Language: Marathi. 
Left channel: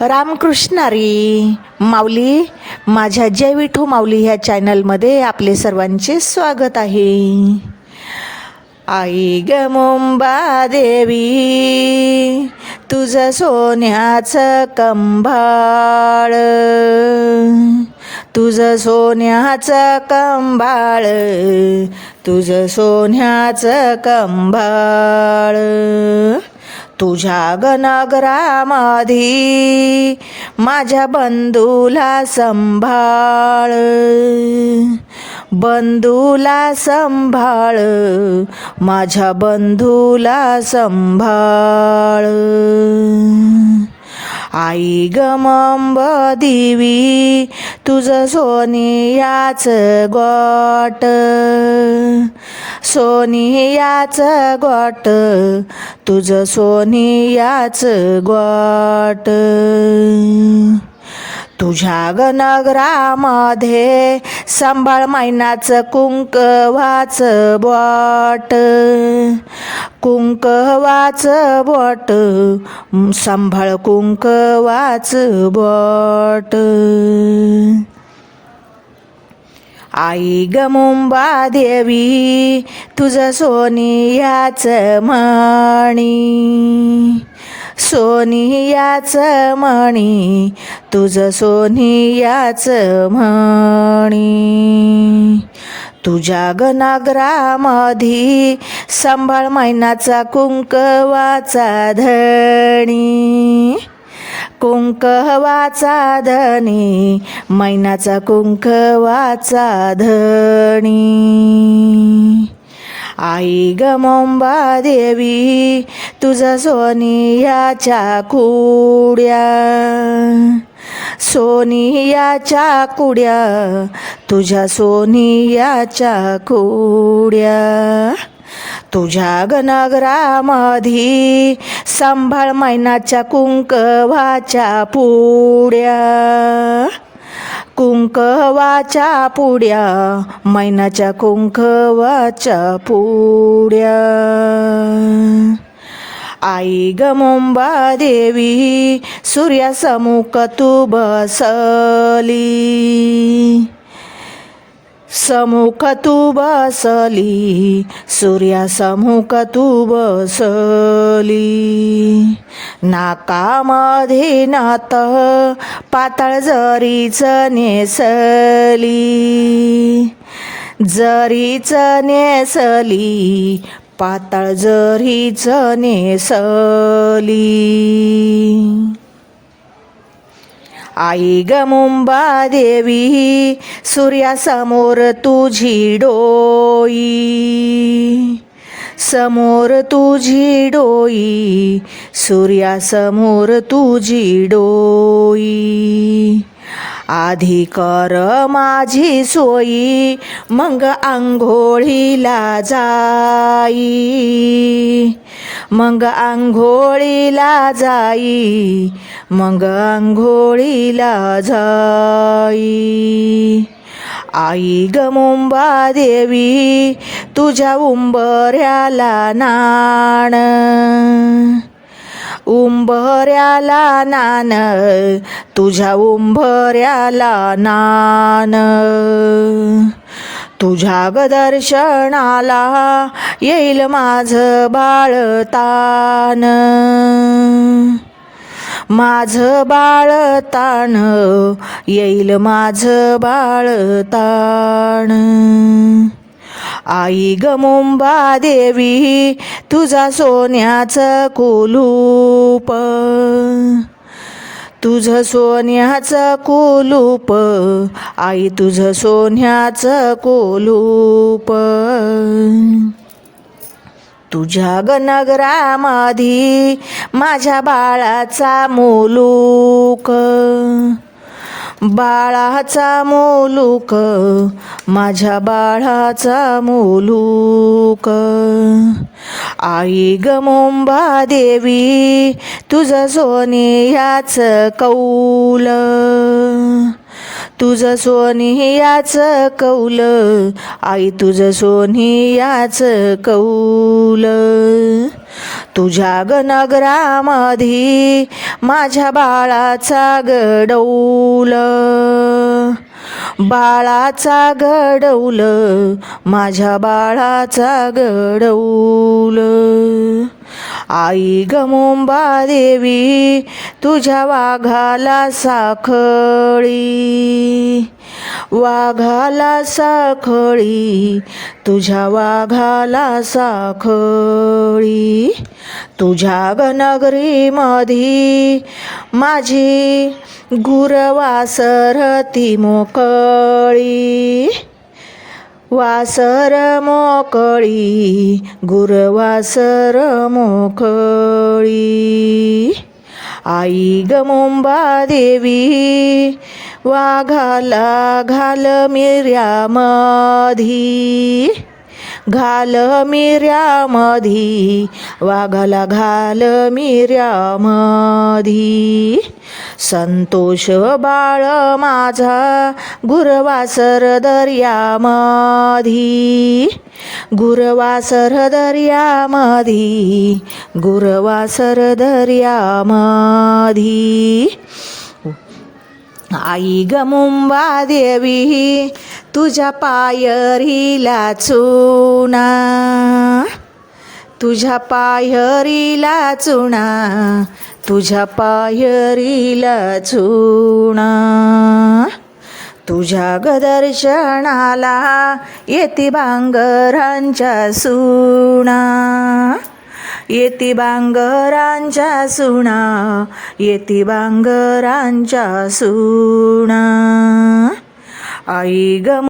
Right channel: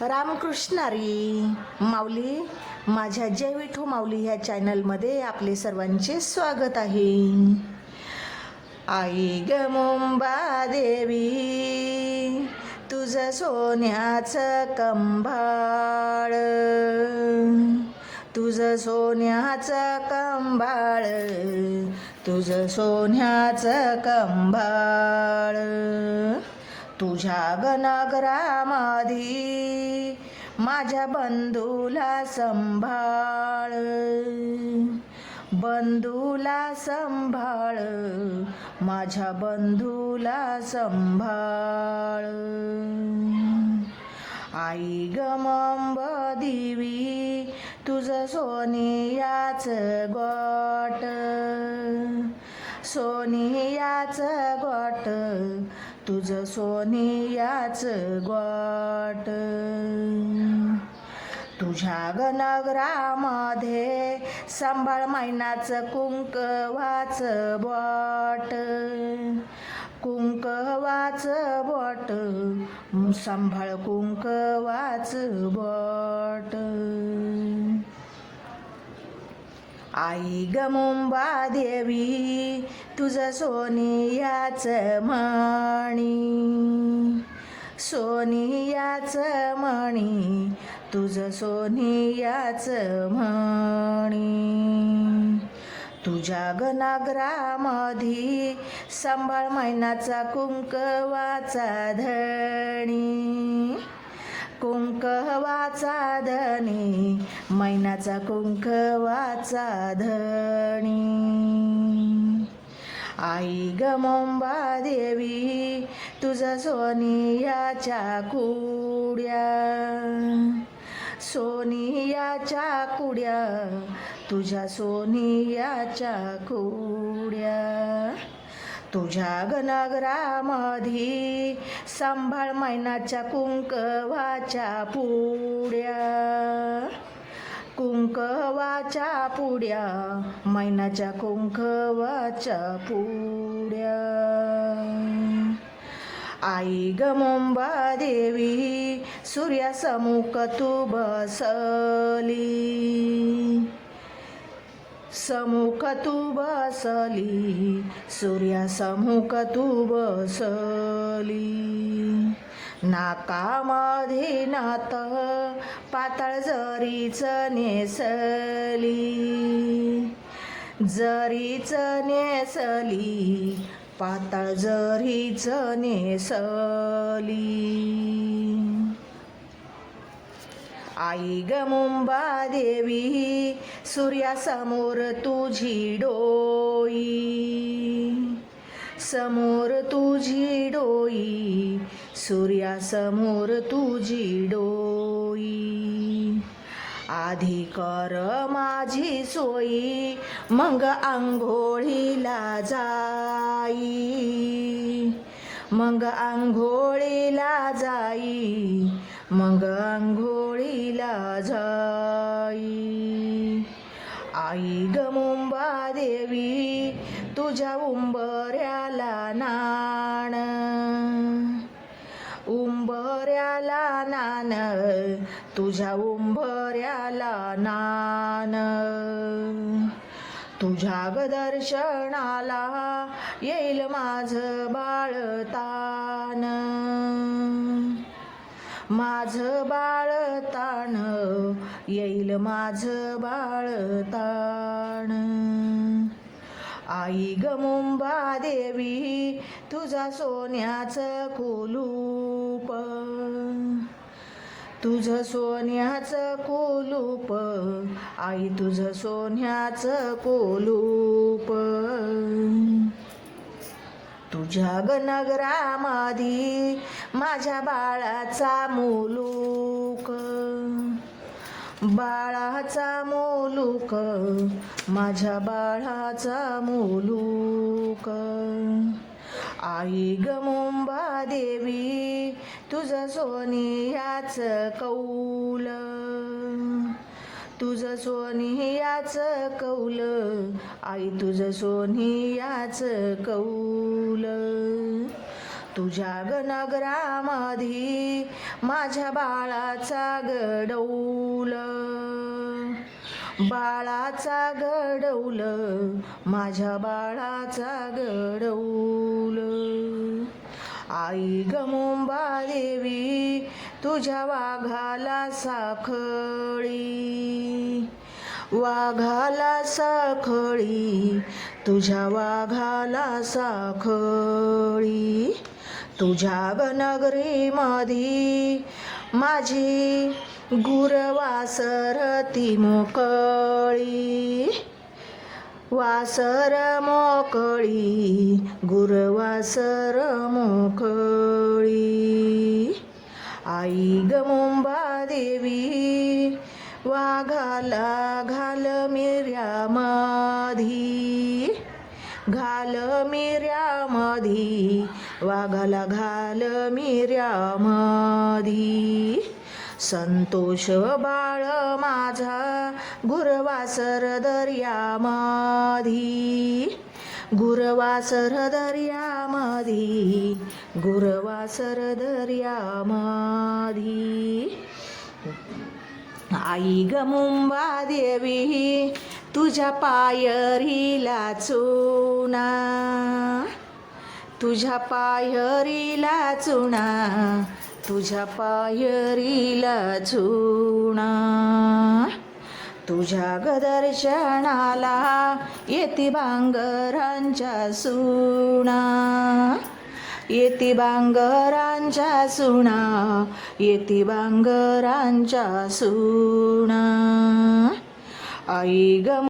रामकृष्णारी माऊली माझ्या जय विठू माऊली ह्या चॅनलमध्ये आपले सर्वांचे स्वागत आहे. आई ग मुंबा देवी तुझं सोन्याचं कंभाळ तुझं सोन्याचं कंभाळ तुझं सोन्याचं कंभाळ तुझ्या गणगरामध्ये माझ्या बंधूला संभाळ. बंधूला संभाळ माझ्या बंधूला संभाळ. आई गमंब देवी तुझं सोनियाच गोट. सोनियाच गोट तुझं सोनियाच गोट. तुझ्या गणगरामध्ये सांभाळ मैनाचं कुंकवाचं बॉट. कुंकवाचं बोट सांभाळ कुंकवाचं बोट. आई ग मुंबा देवी तुझं सोनियाच मणी सोनियाच मणी तुझं सोनियाच म्हणी. तुझ्या गनाग्रामधी सांभाळ मैनाचा कुंकवाचा धणी. कुंकवाचा धनी मैनाचा कुंकवाचा धणी आई ग मोंबा देवी तुझा सोनियाच्या कुड्या. सोनियाच्या कुड्या तुझ्या सोनियाच्या कुड्या. तुझ्या गणगरामधी सांभाळ मैनाच्या कुंकवाच्या पुड्या. कुंकवाच्या पुड्या मैनाच्या कुंकवाच्या पुड्या. आई ग मुंबा देवी सूर्यासमुख तू बसली समुख तू बसली सूर्यासमुख तू बसली. नाकामध्ये नात पाताळ जरीच नेसली जरीच नेसली पाताळ जरीच नेसली. आई ग मुंबा देवी सूर्यासमोर तुझी डोई समोर तुझी डोई सूर्यासमोर तुझी डोई आधी कर माझी सोयी मग आंघोळीला जाई मग आंघोळीला जाई मग आंघोळीला जाई. आई ग मुंबा देवी तुझ्या उंबऱ्याला नाण. उंबऱ्याला नान तुझ्या उंबऱ्याला नान तुझ्या गदर्शनाला दर्शनाला येईल माझं बाळतान. माझं बाळताण येईल माझं बाळताण आई ग मुंबा देवी तुझा सोन्याचं कुलूप. तुझं सोन्याचं कुलूप आई तुझं सोन्याचं कुलूप. तुझ्या गणगरामधी माझ्या बाळाचा मुलूक. बाळाचा मुलूक माझ्या बाळाचा मुलूक. आई ग मुंबा देवी तुझं सोनियाच कौल. तुझं सोनियाच कौल आई तुझं सोनियाच कौल. तुझ्या गनगरामधी माझ्या बाळाचा गडौल. बाळाचा घडवलं माझ्या बाळाचा घडवलं आई गमोंबा देवी तुझ्या वाघाला साखळी. वाघाला साखळी तुझ्या वाघाला साखळी. तुझ्या गनगरीमधी माझी गुरवासरती मोकळी. वासर मोकळी गुरवासर मोकळी. आई ग मुंबा देवी वाघाला घाल मिऱ्यामधी घाल मिऱ्यामधी वाघाला घाल मधी. संतोष बाळ माझा गुरवासर दर्यामधी. गुरवासर दर्यामधी गुरवासर दर्यामधी. आई गमुंबा देवी तुझ्या पायरीला चुना. तुझ्या पायरीला चुना. तुझ्या पायरीला चुना तुझ्या गदर्शनाला येती बांगरांच्या सुणा. येती बांगरांच्या सुणा येती बांगरांच्या सुणा. आई गम